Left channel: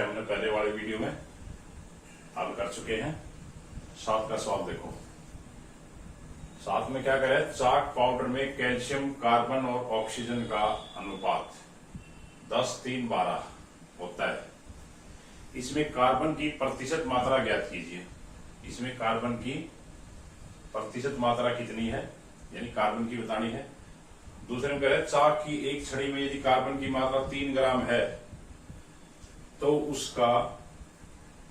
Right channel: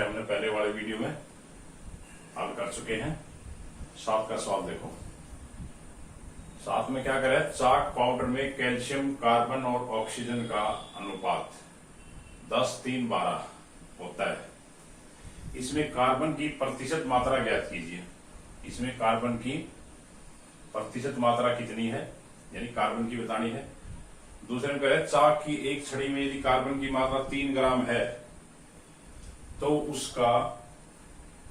हमने पहले वाले वीडियो में हल कर चुके हैं। 7 का सवाल देखो। 7 में क्या करे, चाक पाउडर में कैल्शियम, कार्बन और ऑक्सीजन का अनुपात 10:3:12 होता है। इसमें कार्बन की प्रतिशत मात्रा ज्ञात कीजिए। इसमें कार्बन की प्रतिशत मात्रा कितनी है, यानी कार्बन की बतानी है। दूसरे में कह रहे चाक की एक छड़ी में यदि कार्बन की मात्रा 3 ग्राम है तो उसका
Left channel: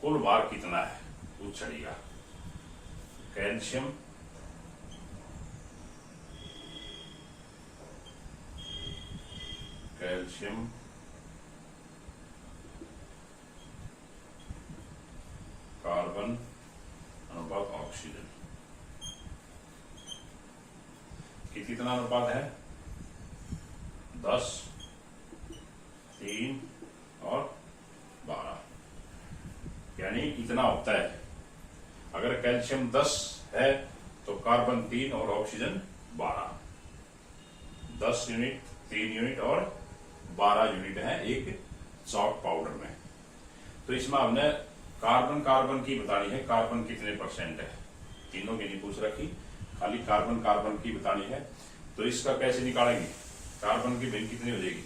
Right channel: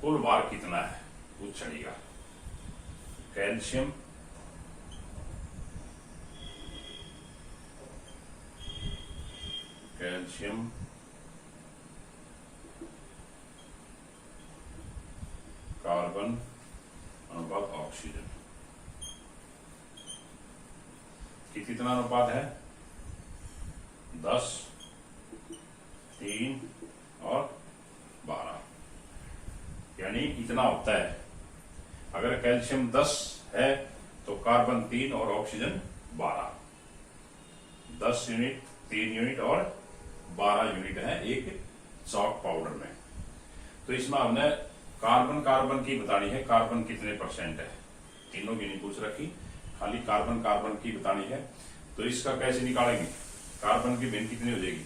कुल भार कितना है उस छड़ी का। कैल्शियम, कार्बन अनुपात ऑक्सीजन कितना अनुपात है, 10, 3 और 12, यानी इतना होता है। अगर कैल्शियम 10 है तो कार्बन 3 और ऑक्सीजन 12। 10 यूनिट, 3 यूनिट और 12 यूनिट है एक चॉक पाउडर में। तो इसमें हमने कार्बन की बतानी है, कार्बन कितने परसेंट है। तीनों की नहीं पूछ रखी, खाली कार्बन की बतानी है। तो इसका कैसे निकालेंगे, कार्बन की भिन्न कितनी हो जाएगी,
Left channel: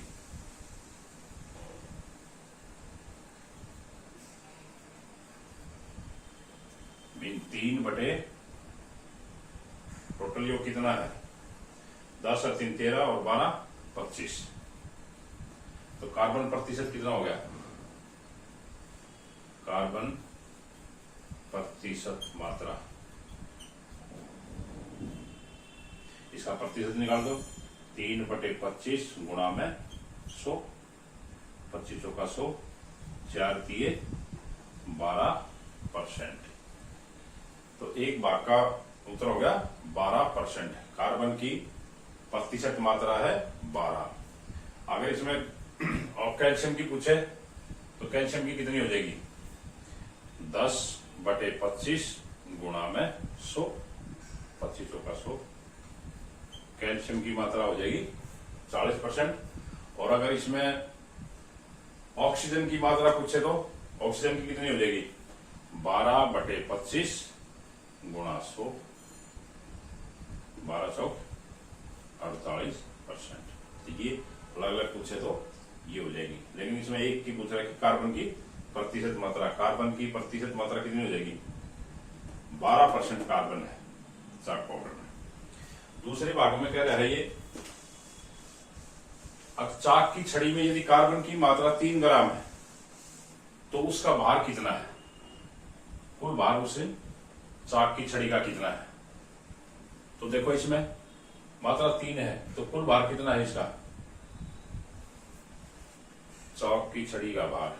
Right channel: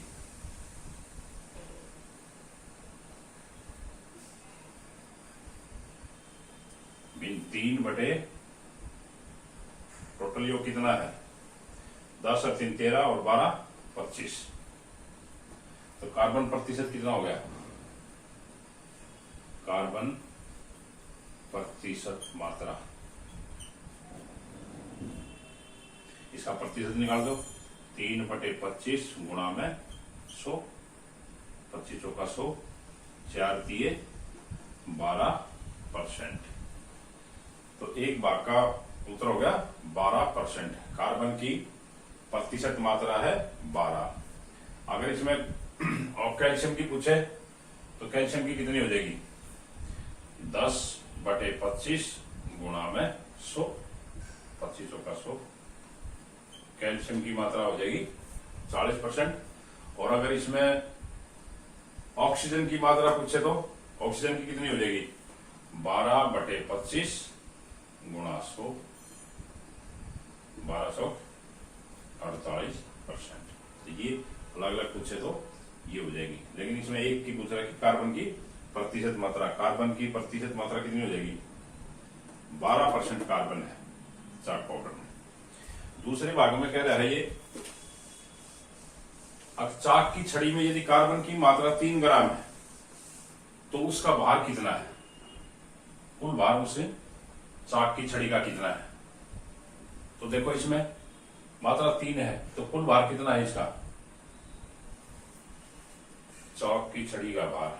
भिन्न 3 बटे टोटल योग कितना है, 10 और 3 13 और 12 25। तो कार्बन प्रतिशत कितना हो गया, कार्बन प्रतिशत मात्रा, इसका प्रतिशत निकाल दो। 3 बटे 25 गुणा में 100, 25 चौका 100, 4 दिए 12%। तो एक भाग का उत्तर हो गया 12%। कार्बन की प्रतिशत मात्रा है 12। अगर इसमें और कैल्शियम की पूछे तो कैल्शियम की कितनी हो जाएगी, 10 बटे 25 गुणा में 100, 25 चौका 100, कैल्शियम की मात्रा हो जाएगी 40%। और अगर इसमें ऑक्सीजन की मात्रा पूछे तो ऑक्सीजन की कितनी हो जाएगी, 12 बटे 25 गुणा 100, 1200 48%। तो ये अलग अलग पूछे तो ये हो जाएगी। लेकिन इसमें एक की पूछ रहा है कि कार्बन की प्रतिशत मात्रा, कार्बन की प्रतिशत मात्रा कितनी हो जाएगी, 12% कार्बन है चाक पाउडर में। दूसरे भाग में कह रहा है ये, अब चाक की छड़ी में यदि कार्बन की मात्रा 3 ग्राम है तो उसका भार कितना है, कुल भार उसे चाक की छड़ी का कितना है। तो देखो इसमें मात्रा 3 है तो कुल भार कितना है इसका, चाक की छड़ी का भार,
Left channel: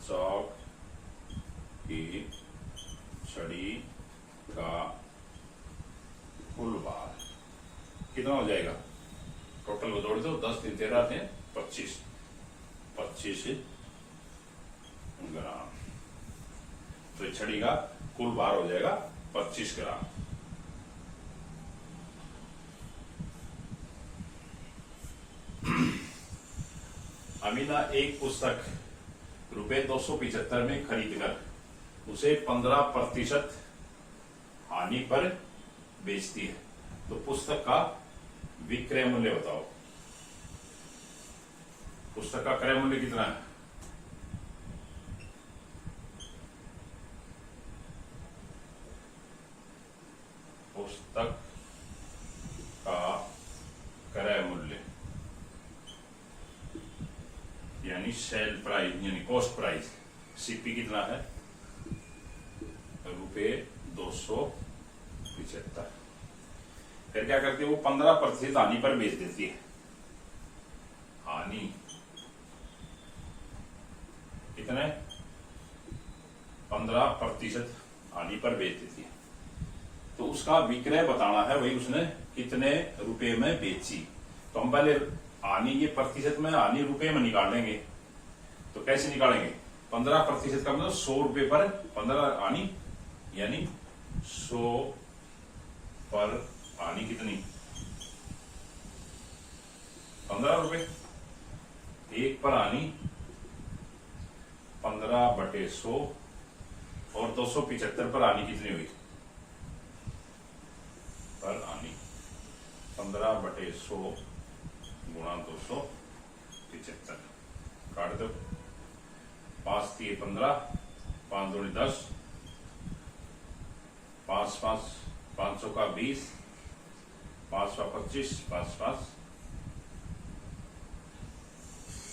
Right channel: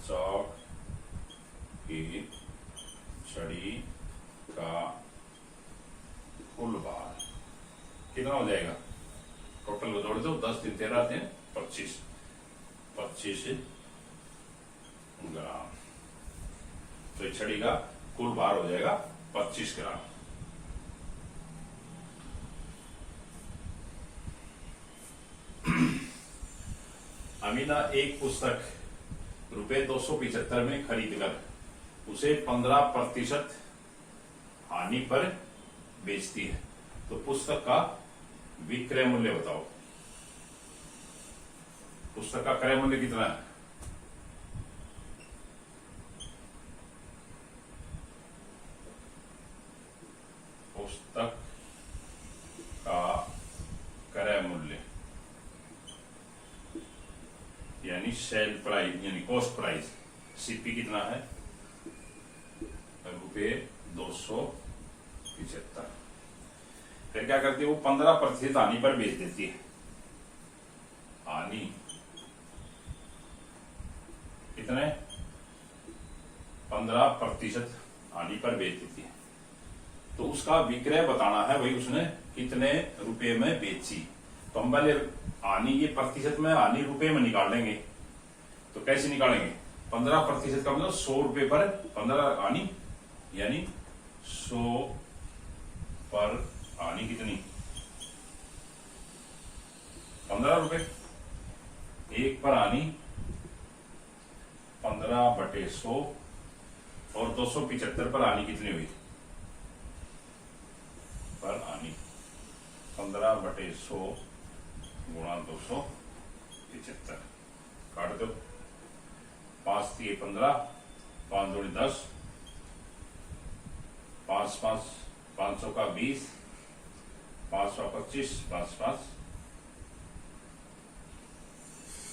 चाक की छड़ी का कुल भार कितना हो जाएगा, टोटल को जोड़ दो, 10 3 13 3 25 ग्राम। तो इस छड़ी का कुल भार हो जाएगा 25 ग्राम। अमीना एक पुस्तक ₹275 में खरीदकर उसे 15% हानि पर बेचती है, तो पुस्तक का विक्रय मूल्य बताओ। पुस्तक का क्रय मूल्य कितना है, पुस्तक का क्रय मूल्य यानी सेल प्राइस यानी कॉस्ट प्राइस, सीपी कितना है, ₹275। फिर क्या करती है वो 15% हानि पर बेच देती है। हानि कितने, 15% हानि पर बेच देती है। तो उसका विक्रय बताना है, वही उसने कितने रुपए में बेची। तो हम पहले हानि, ये प्रतिशत में हानि रुपए में निकाल लेंगे। तो कैसे निकालेंगे, 15% का मतलब 100 रुपए पर 15 हानि, यानी 100 पर हानि कितनी, 15 रुपए। 1 पर हानि 15/100 और 275 पर आनी कितनी हुई? पर आनी 15/100 गुणा 275 काट दो। 5 3 15, 5 दूनी 10, 5 5 500 का 20, 525, 5 5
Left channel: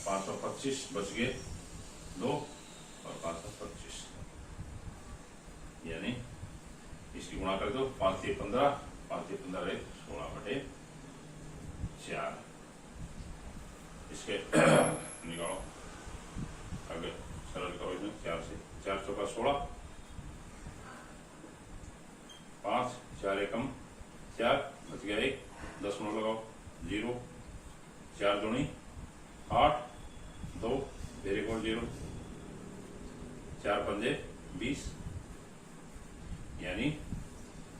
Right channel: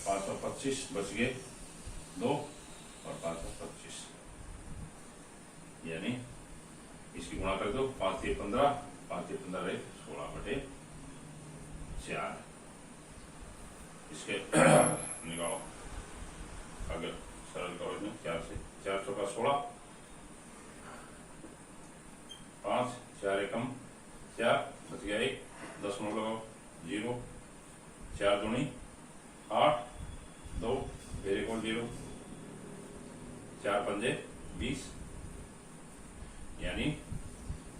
525 बच गए 2 और 525, यानी इसकी गुणा कर दो। 5 3 15, 5 3 15 रहे 16/4। इसके निकालो अगर सरल करो इसमें 4 से 4 चौका 16, 5 4 एकम 4 बच गया 1, 10 लगाओ 0, 4 दूनी 8, 2 0 0, 4 पंजे 20, यानी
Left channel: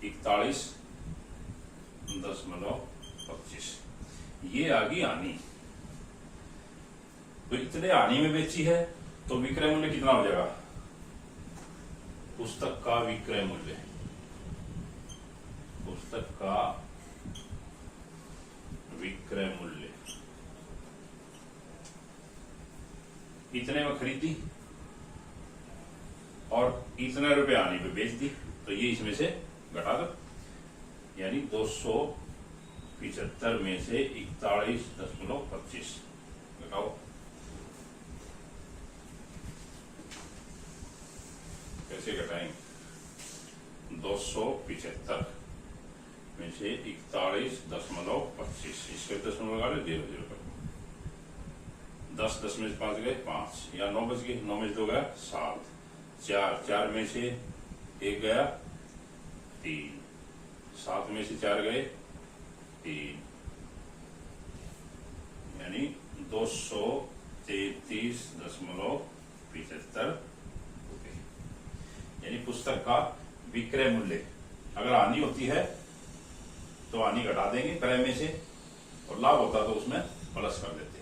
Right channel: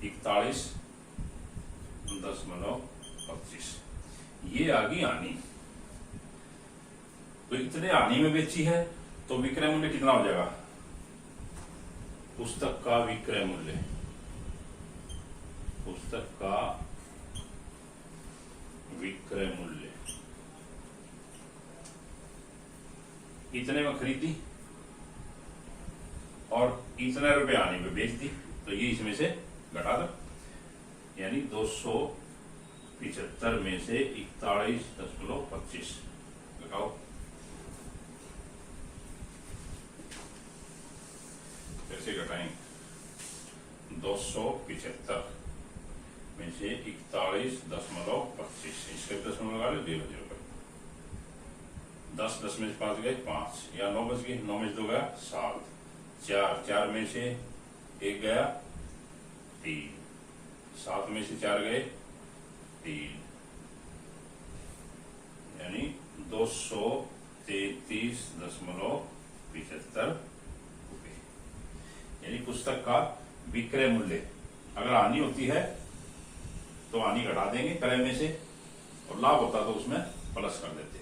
41.25। ये आ गई आनी। तो इतने आनी में बेची है तो विक्रय मूल्य कितना हो जाएगा? पुस्तक का विक्रय मूल्य, पुस्तक का विक्रय मूल्य इतने में खरीदी और इतने रुपए आने पे बेच दी, तो ये इसमें से घटा दो, यानी 275 में से 41.25 घटाओ। कैसे घटाएंगे? 275 में से 41.25, इसके दशमलव लगा लो 0 0 कर। 10 10 में से 5 गए 5, या 9 बच गए, 9 में से 2 गया 7, 4 4 में से 1 गया 3, 7 में से 4 गए 3, यानी 233.75 रुपये, यानी पुस्तक का विक्रय मूल्य। अगर आनी होती है तो आनी घटा देंगे क्रय में से, और लाभ होता तो उसमें प्लस कर देते।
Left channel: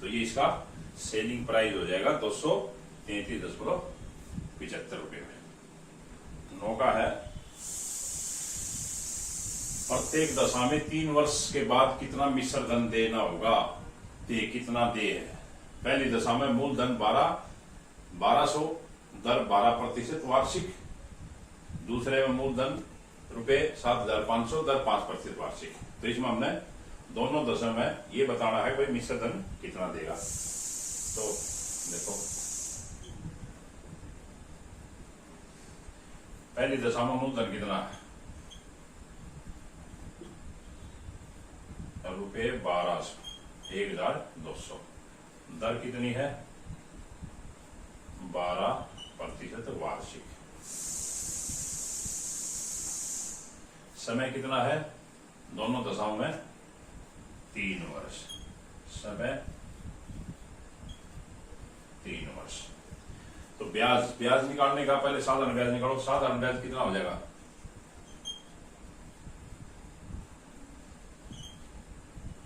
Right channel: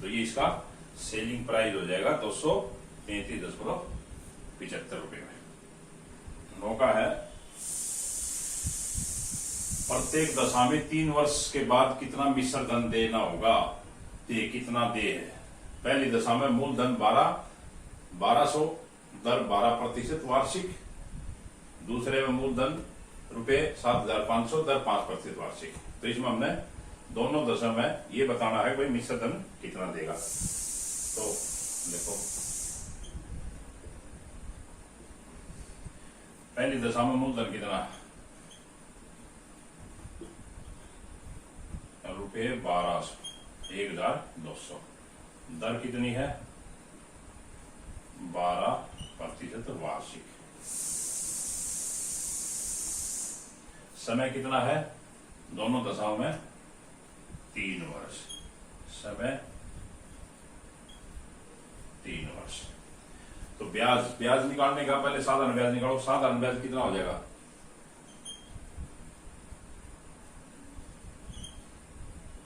तो ये इसका सेलिंग प्राइस हो जाएगा 233.75 रुपये में। 9 का है प्रत्येक दशा में 3 वर्ष के बाद कितना मिश्र धन देना होगा? दे कितना दे है? पहली दशा में मूलधन 1200, दर 12% वार्षिक। दूसरे में मूलधन रुपए 7,500, दर 5% वार्षिक। तो इसमें हमने दोनों दशा में ये बताना है भाई मिश्र धन कितना देगा। तो देखो पहली दशा में मूलधन कितना है? रुपए 1200, 1,200। दर कितनी है? 12% वार्षिक। समय कितना है दोनों दशाओं में? 3 वर्ष। समय 3 वर्ष। तो ब्याज निकालने का पहले साधारण ब्याज निकालो। साधारण ब्याज कितना हो जाएगा?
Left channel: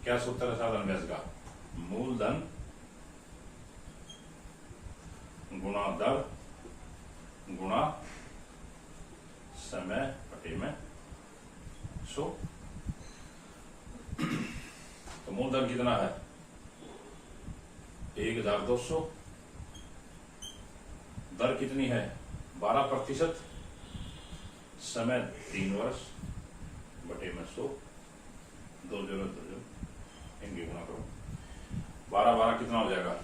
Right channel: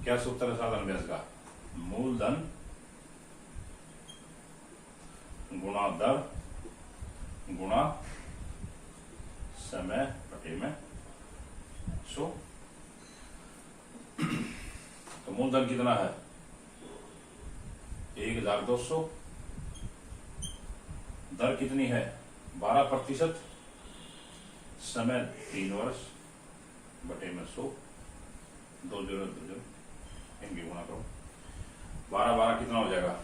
क्या सूत्र है साधारण ब्याज का? मूलधन गुणा दर गुणा समय बटे में 100। तो मूलधन कितना है? 1,200। दर कितनी है? 12%। समय 3 वर्ष बटे में 100। 2 0 2 0 इनकी गुणा करो। 12 12 कितना हो जाएगा?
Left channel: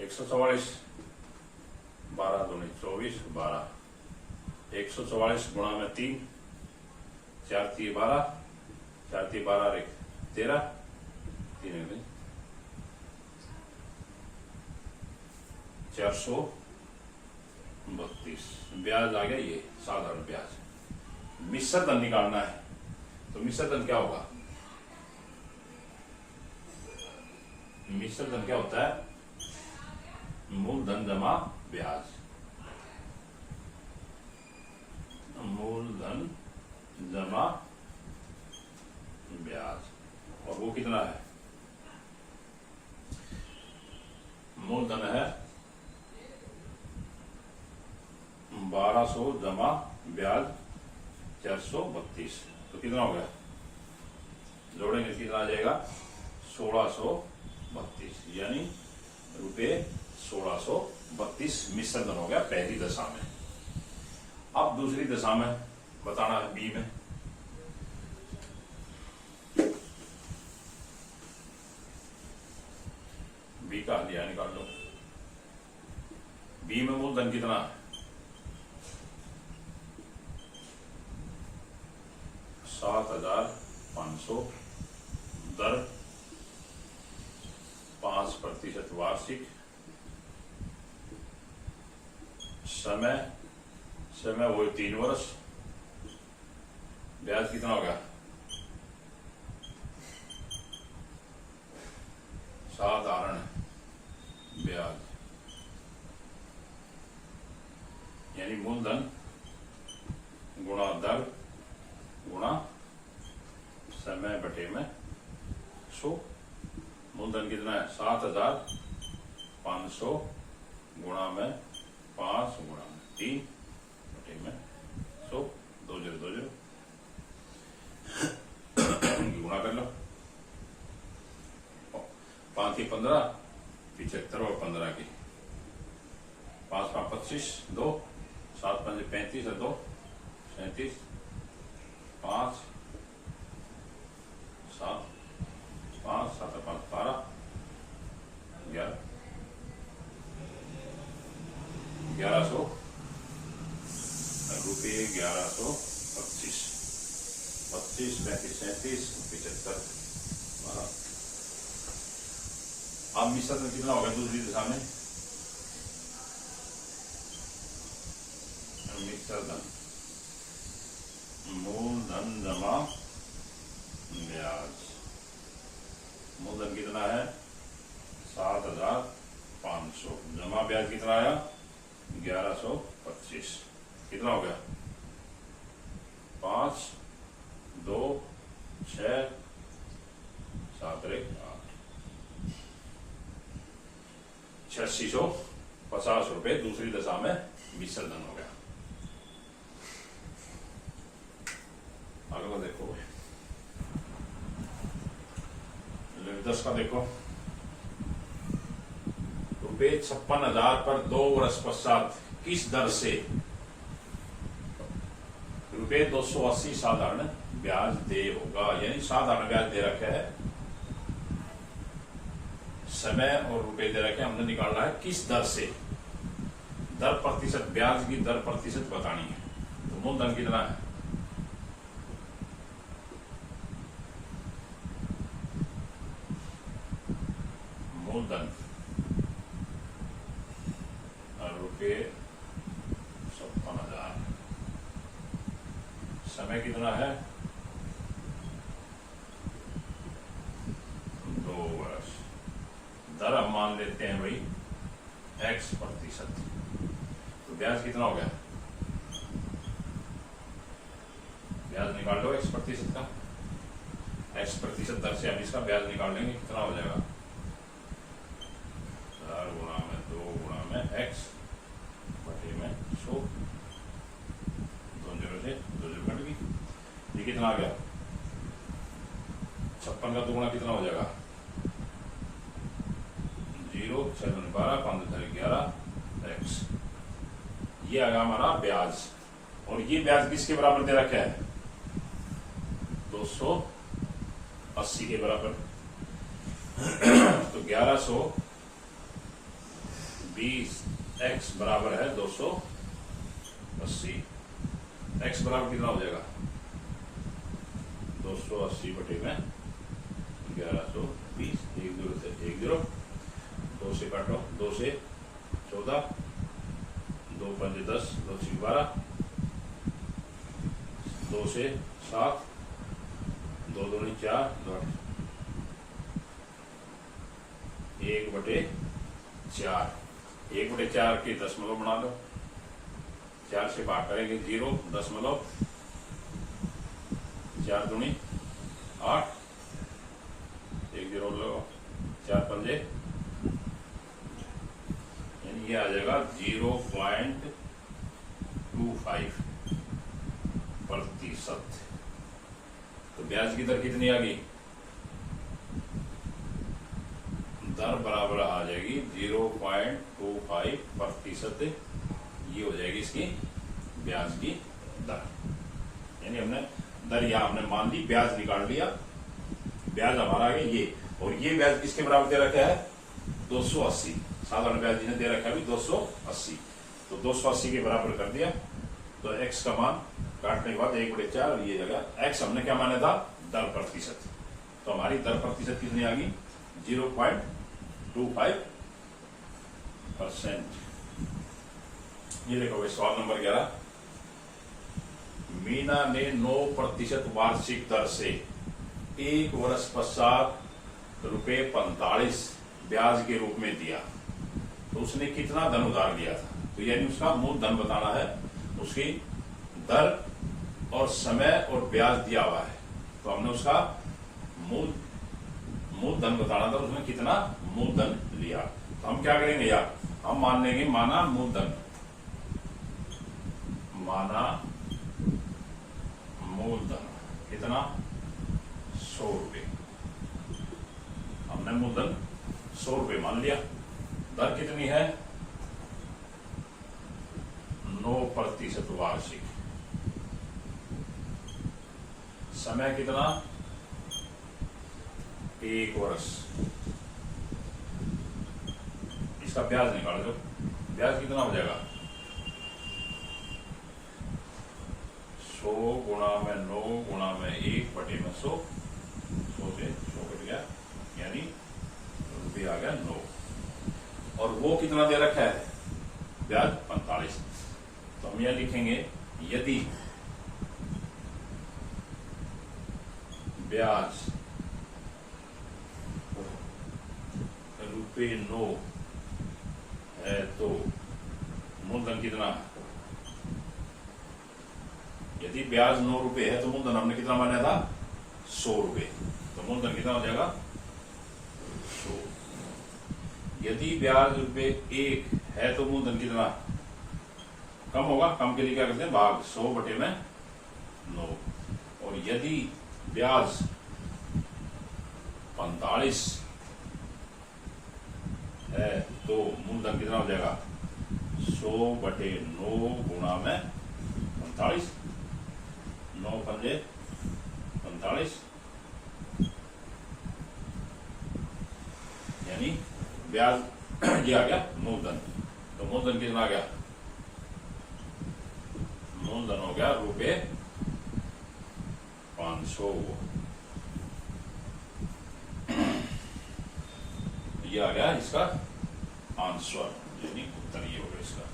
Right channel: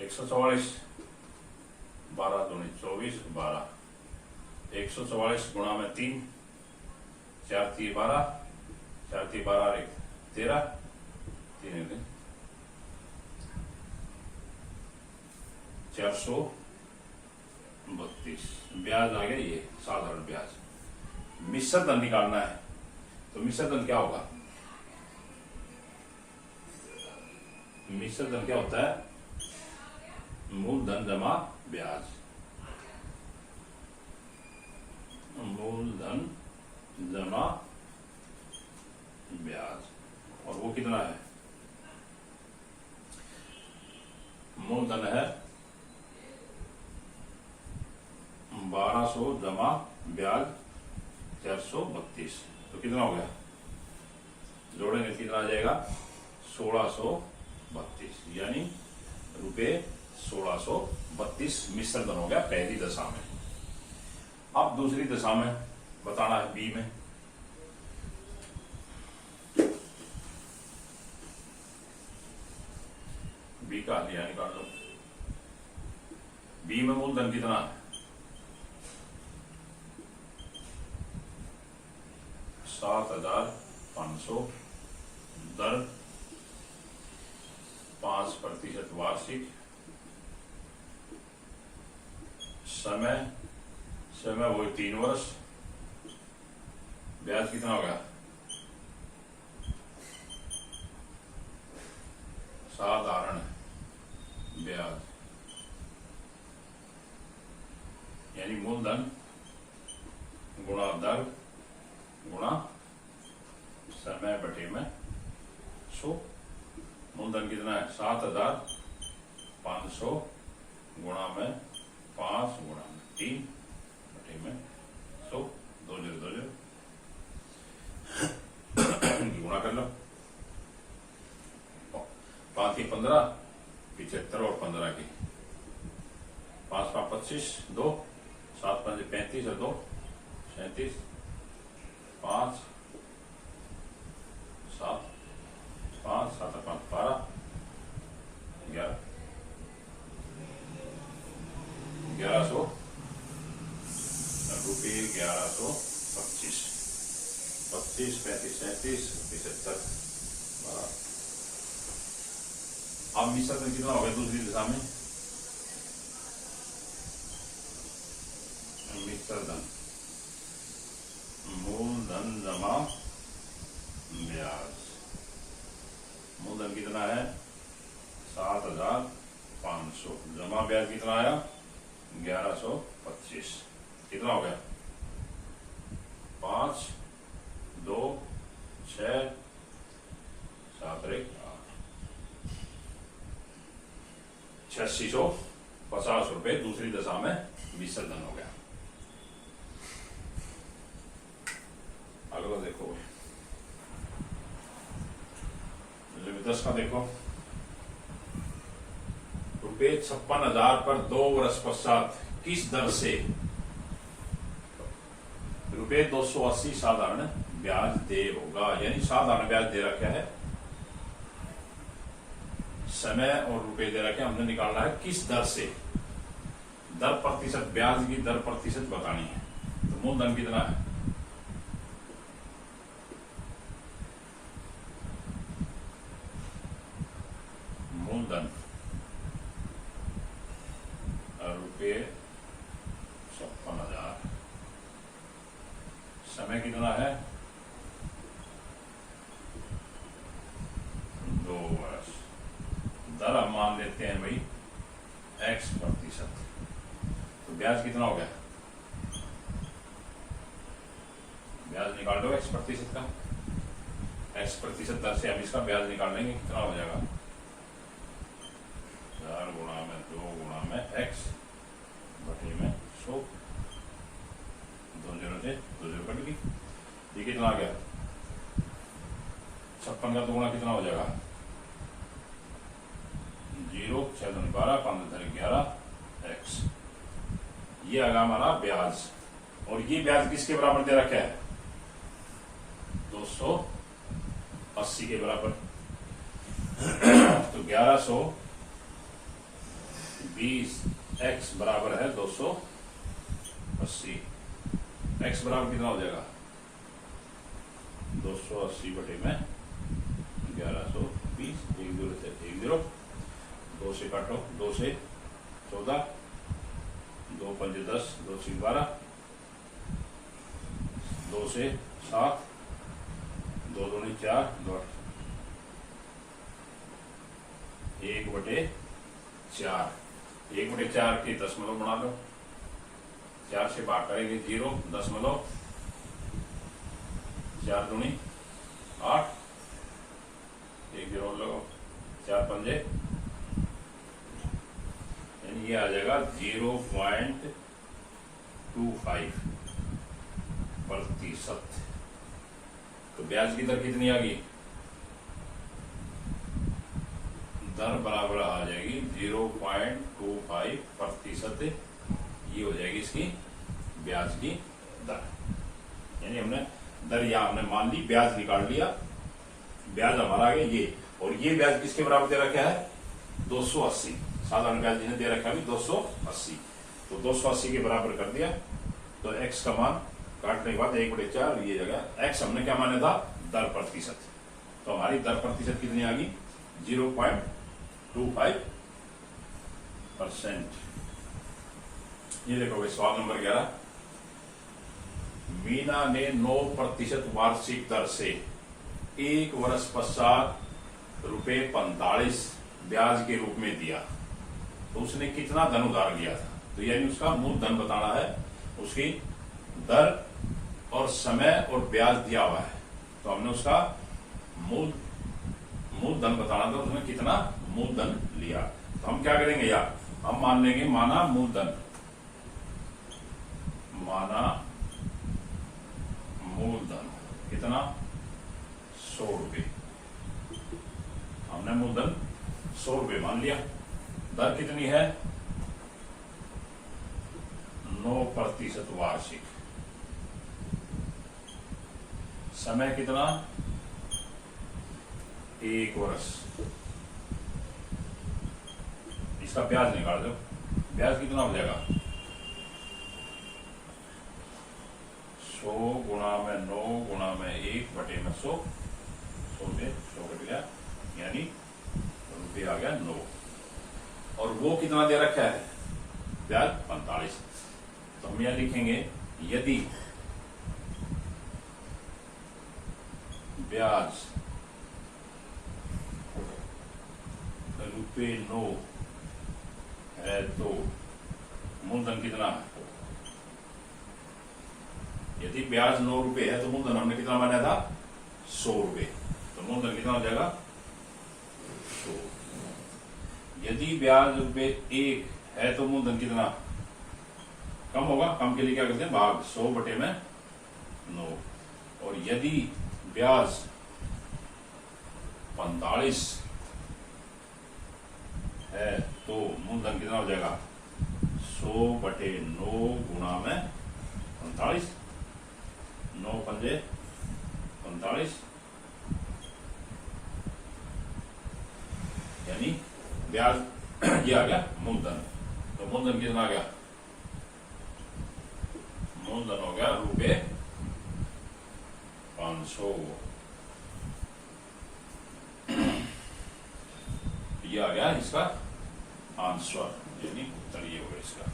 144। 12 दूनी 24, 12 144 गुणा में 3, 4 3 12, 4 3 12 13, 3 432। ब्याज आ गया ये साधारण ब्याज। मिश्र धन निकालना है तो मिश्र धन क्या होगा? मिश्र धन क्या होता है? मूलधन जमा ब्याज। मूलधन जमा ब्याज, और वो कितना है? मूलधन है 1200 जमा ब्याज 432। तो कितना हो गया, जोड़ेंगे कितना आ जाएगा 1632, यानी रुपये 1632 मिश्र धन हो गया पहली दशा में। अब दूसरी दशा में बताना है बी में। बी का हदिया निकाल लो। बी में मूलधन कितना है 7500, दर 5% वार्षिक, समय वो 3 वर्ष, ब्याज कितना होगा साधारण ब्याज, यानी मूलधन गुणा दर गुणा समय बटे में 100। मूलधन कितना है 7500 गुणा में 5 गुणा में 3 बटे में 100, 2 0 2 0 गुणा कर लो। 5 की 15 75 और 15 की 5 5 25 2 7 5 35 और 2 37 5 7 5 7 5 12 11 1100 रुपये 1125 25 35 37 75 12। अब मिश्र में कितना हो गया दूसरी दिशा में मिश्र धन मूलधन जमा ब्याज। मूलधन कितना है 7500, जमा ब्याज कितना आया 1125। कितना हो गया 5 2 6 7 1 8650 रुपए दूसरी दशा में मिश्र धन हो गया। अगला देखो लिमिट 10 का देखो, रुपये 56,000 पर 2 वर्ष पश्चात किस दर से रुपये 280 साधारण ब्याज दे होगा, यानी साधारण ब्याज दे रखा है, समय और रुपए दे रखे, हमने निकालना है किस दर से, दर प्रतिशत, ब्याज की दर प्रतिशत बतानी है। तो मूलधन कितना है मूलधन रुपये 56,000, समय कितना है 2 वर्ष, दर हम मान लेते हैं भाई x%। तो ब्याज कितना हो गया, ब्याज निकाल लो x% का, x% दर से हम इसका ब्याज निकाल लेंगे, कितना हो जाएगा 4 गुणा में 2 गुणा में x बटे में 100, 2 0 से 2 0 कट गई। ये कितना आ गया 56 का 2 गुणा कितना हो जाएगा 0 6 2 12 5 2 11 x। ये आएगा हमारा ब्याज, और ये ब्याज किसके बराबर दे रखा है 280 के बराबर। तो 1120 x बराबर है 280, x बराबर कितना हो जाएगा 280 बटे में 1120, 1 0 से 1 0, 2 से काटो, 2 से 14, 2 5 10, 2 6 12, 2 से 7, 2 2 4, 2 1 बटे 4, 1 बटे 4 के दशमलव बना लो, 4 से भाग करेंगे 0 दशमलव, 4 दूनी 8, 1 0 लगाओ, 4 पंजे ये आ जाएगा 0.25%। तो ब्याज की दर कितनी आ गई? दर बराबर आ जाएगी 0.25%। ये हो जाएगी इसकी ब्याज की दर। यानी हमने दर यहां हमने मान ली, ब्याज निकाल लिया, ब्याज हमारा आ गया ये। और ये ब्याज किसके बराबर दे रखा है? 280। साधारण ब्याज जिन्हें दे रखा है भी 280। तो 280 के बराबर कर दिया। तो x का मान काटने के बाद 1/4 ये जगह x हमने क्या माना था? दर प्रतिशत। तो हमारी दर प्रतिशत कितनी आ गई? 0.25%। ये देखोगे सवाल नंबर 11। मीना ने 9% वार्षिक दर से 1 वर्ष पश्चात ₹45 ब्याज के रूप में दिया, तो उसने कितना धन उधार लिया था? तो यानी उसका मूल धन बताना है, उसकी दर और समय और ब्याज दिया हुआ है। तो हमने उसका मूल धन बताना था, उसने कितना मूलधन लिया। तो हम क्या करेंगे यार? हम मान लेंगे माना मूलधन, माना मूलधन कितना? 100 रुपये। हमने मूलधन 100 रुपये मान लिया। दर कितनी है? 9% वार्षिक। समय कितना? 1 वर्ष। इसका ब्याज निकाल दो। ब्याज कितना हो जाएगा? 100 गुणा में 9 गुणा में 1/100। 100 से 100 कट गया, यानी रुपये आ गया 9। और वो कितना दे रखा है? ब्याज 45। तो हम यह लिखेंगे, यदि ब्याज ₹9 है तो मूलधन कितना है? यदि ब्याज 9 रुपये है तो मूलधन हमने कितना माना था? 100 रुपये। तो मूलधन कितना हो जाएगा? 100। यदि ब्याज ₹1 है तो मूलधन कितना कम होगा? कम के लिए क्या करते हैं? भाग 100/9। और यदि ब्याज 45 है तो मूलधन कितना हो जाएगा? 100/9 गुणा में 45। 9 पंजे 45, यानी ब्याज ये आ गया मूलधन। तो मूलधन कितना आ गया? मूलधन हो गया ₹500। ये आ गया इसका आंसर, यानी उत्तर ये होगा इसका।